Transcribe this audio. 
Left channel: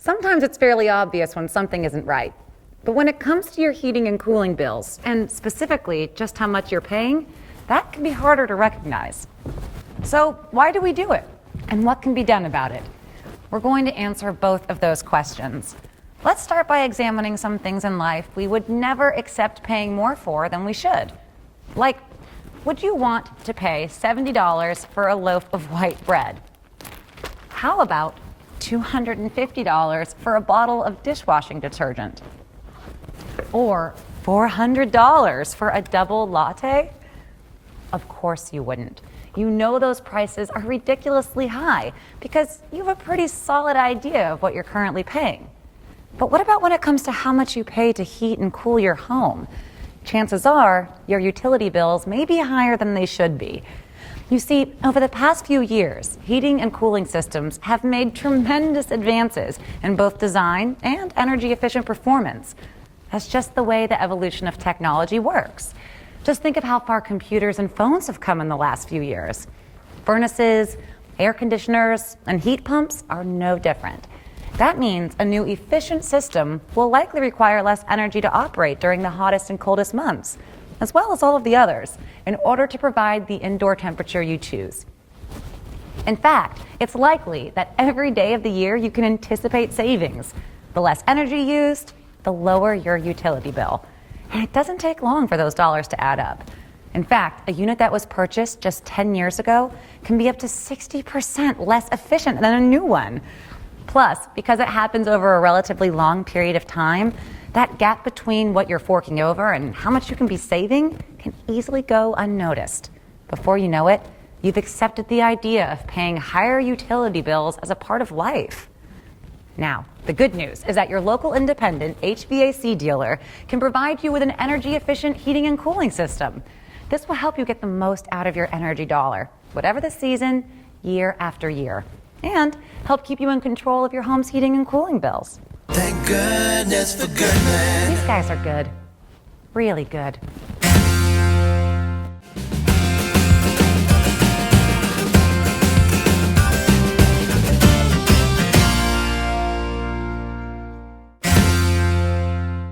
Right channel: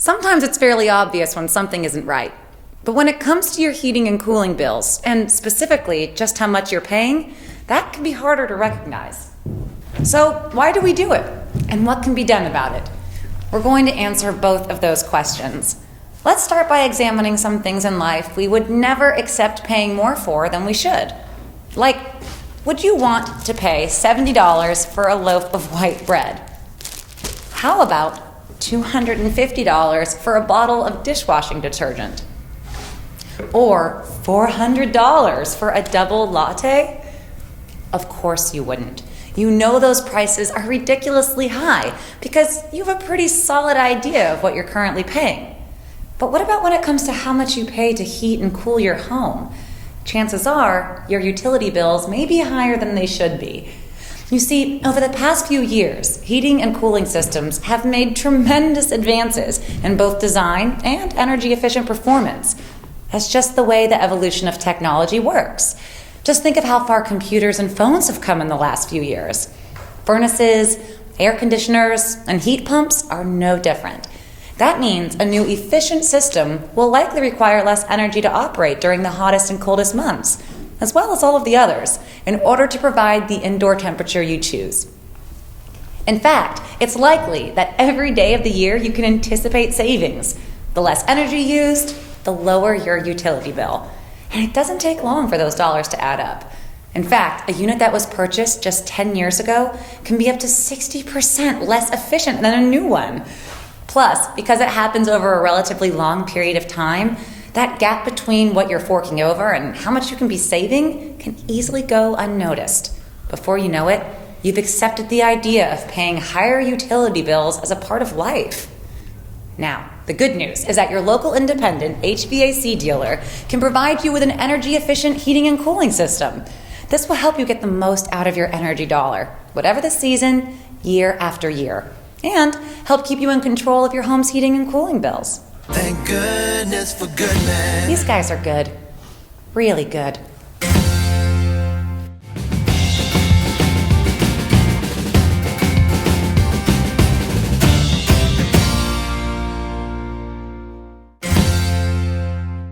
Sometimes it's fairly obvious when something isn't right. But when it comes to your heating and cooling bills, and specifically just how much you're paying, that can be harder to recognize. So why do we do it? And what can be done about it? We're going to answer both of those questions. Let's start by examining some things in life we would never accept paying more for than we should. Like, would you want to pay $70 for a loaf of white bread? How about $250 for a bottle of dishwashing detergent? Or $400 for a double latte? Of course you wouldn't. You know those prices are ridiculously high because you have a pretty solid idea of what you're currently paying. But what about when it comes to how much you pay to heat and cool your home? Chances are your utility bills may be higher than they should be. You see, over the past few years, heating and cooling systems have made tremendous advances in both design and energy efficient performance. That's just the way the evolution of technology works. Just think of how far computers and phones have come in the last few years. Furnaces, air conditioners, and heat pumps are no different. That means a new efficient system will likely require less energy to operate during the hottest and coldest months, as well as all of the others, in order to provide the indoor temperature you choose. In fact, it's likely that every day of the year you can anticipate savings. The less energy used, the lower your utility bill. And it doesn't take long for those dollars to add up. In fact, a unit that was purchased just 10 years ago can be up to 60% less efficient than a new one. Plus, because it happens over a relatively long period of time, that gap between what you're forking over and how much you can be saving can easily go unnoticed. Before you know it, you've accepted the idea of paying higher utility bills as a part of life. Now, the good news is that your local independent HVAC dealer can provide you with an energy-efficient heating and cooling system. This will help you get the most out of your energy dollar, whatever the season, year after year, and help keep you in control of your home's heating and cooling bills. Thank goodness for Goodman. These guys are good. Really good.